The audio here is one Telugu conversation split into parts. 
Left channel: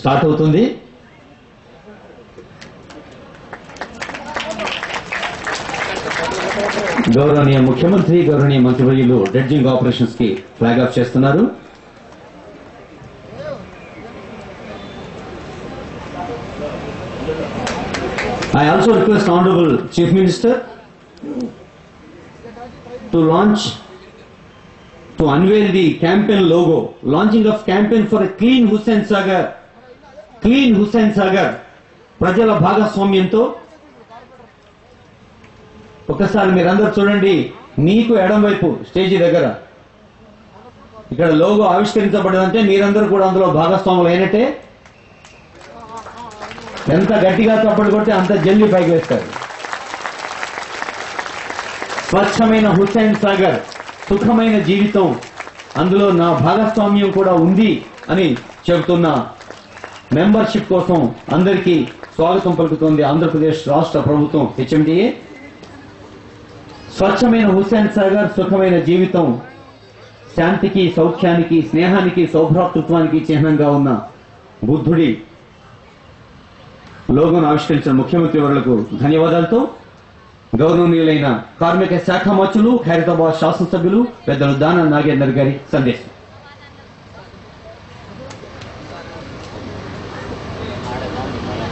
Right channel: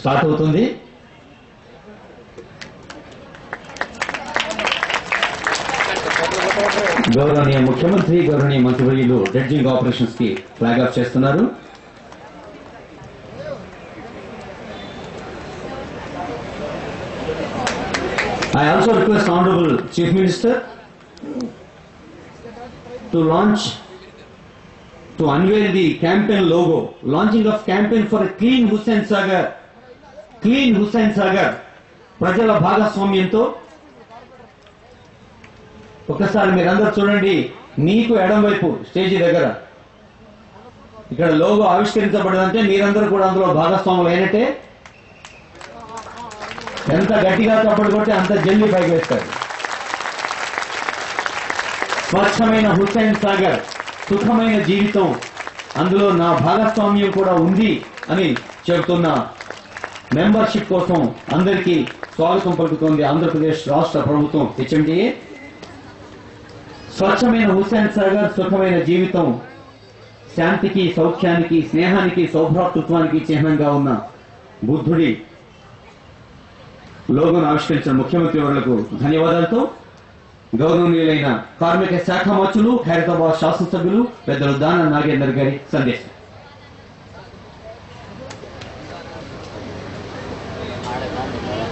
స్టార్ట్ అవుతుంది. గౌరవనీయ ముఖ్యమంత్రి గౌరవనీయ మంత్రివర్యులు డ్రెడ్జింగ్ ఆపరేషన్స్ కి ఫ్లాగ్ ఆఫ్ చేస్తున్నారు. I also request Honorable Chief Minister to unveil the campaign logo, launching of campaign for a clean Hussain Sagar, ప్రజల భాగస్వామ్యంతో. ఒకసారి మీరందరూ చూడండి, మీకు ఎడం వైపు స్టేజీ దగ్గర ఇక్కడ లోగో ఆవిష్కరించబడదంటే మీరందరూ కూడా అందులో భాగస్వాములు అయినట్టే. ఎంత గట్టిగా చప్పట్లు కొట్టి అంత జల్లి పైకి వేస్తారు. స్వచ్ఛమైన హుస్సేన్ సాగర్, సుఖమైన జీవితం, అందులో నా భాగస్వామ్యం కూడా ఉంది అని చెబుతున్న మెంబర్షిప్ కోసం అందరికీ స్వాగతం పలుకుతోంది ఆంధ్రప్రదేశ్ రాష్ట్ర ప్రభుత్వం హెచ్ఎండిఏ. స్వచ్ఛమైన హుస్సేన్ సాగర్, సుఖమైన జీవితం, శాంతికి, సౌఖ్యానికి, స్నేహానికి, సౌభ్రాతృత్వానికి చిహ్నంగా ఉన్న బుద్ధుడి లోగోను ఆవిష్కరించిన ముఖ్యమంత్రి వర్యులకు ధన్యవాదాలతో గౌరవనీయులైన కార్మిక శాఖ మంత్రులు, ఖైరతాబాద్ శాసనసభ్యులు పెద్దలు దాన నాగేందర్ గారి సందేశం.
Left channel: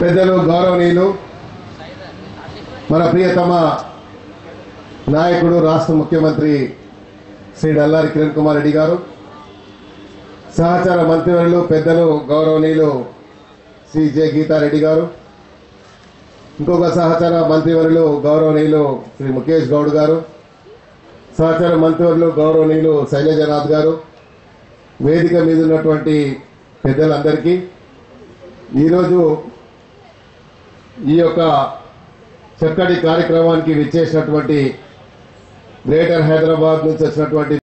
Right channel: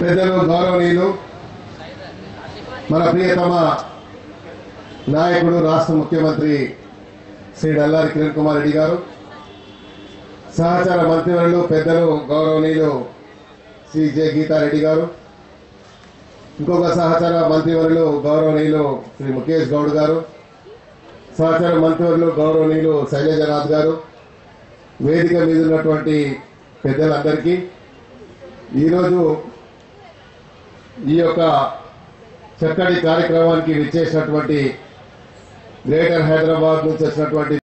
పెద్దలు గౌరవనీయులు, మన ప్రియతమ నాయకుడు రాష్ట్ర ముఖ్యమంత్రి శ్రీ డల్లారి కిరణ్ కుమార్ రెడ్డి గారు, సహచార మంత్రివర్యులు పెద్దలు గౌరవనీయులు శ్రీ జె గీతారెడ్డి గారు, ఇంకొక సహచార మంత్రివర్యులు గౌరవనీయులు శ్రీ ముఖేష్ గౌడ్ గారు, సహచార మంత్రివర్యులు గౌరవనీయులు శైలజనాథ్ గారు, వేదిక మీద ఉన్నటువంటి పెద్దలందరికీ ఈరోజు ఈ యొక్క చక్కటి కార్యక్రమానికి విచ్చేసినటువంటి గ్రేటర్ హైదరాబాద్ నుంచి వచ్చినటువంటి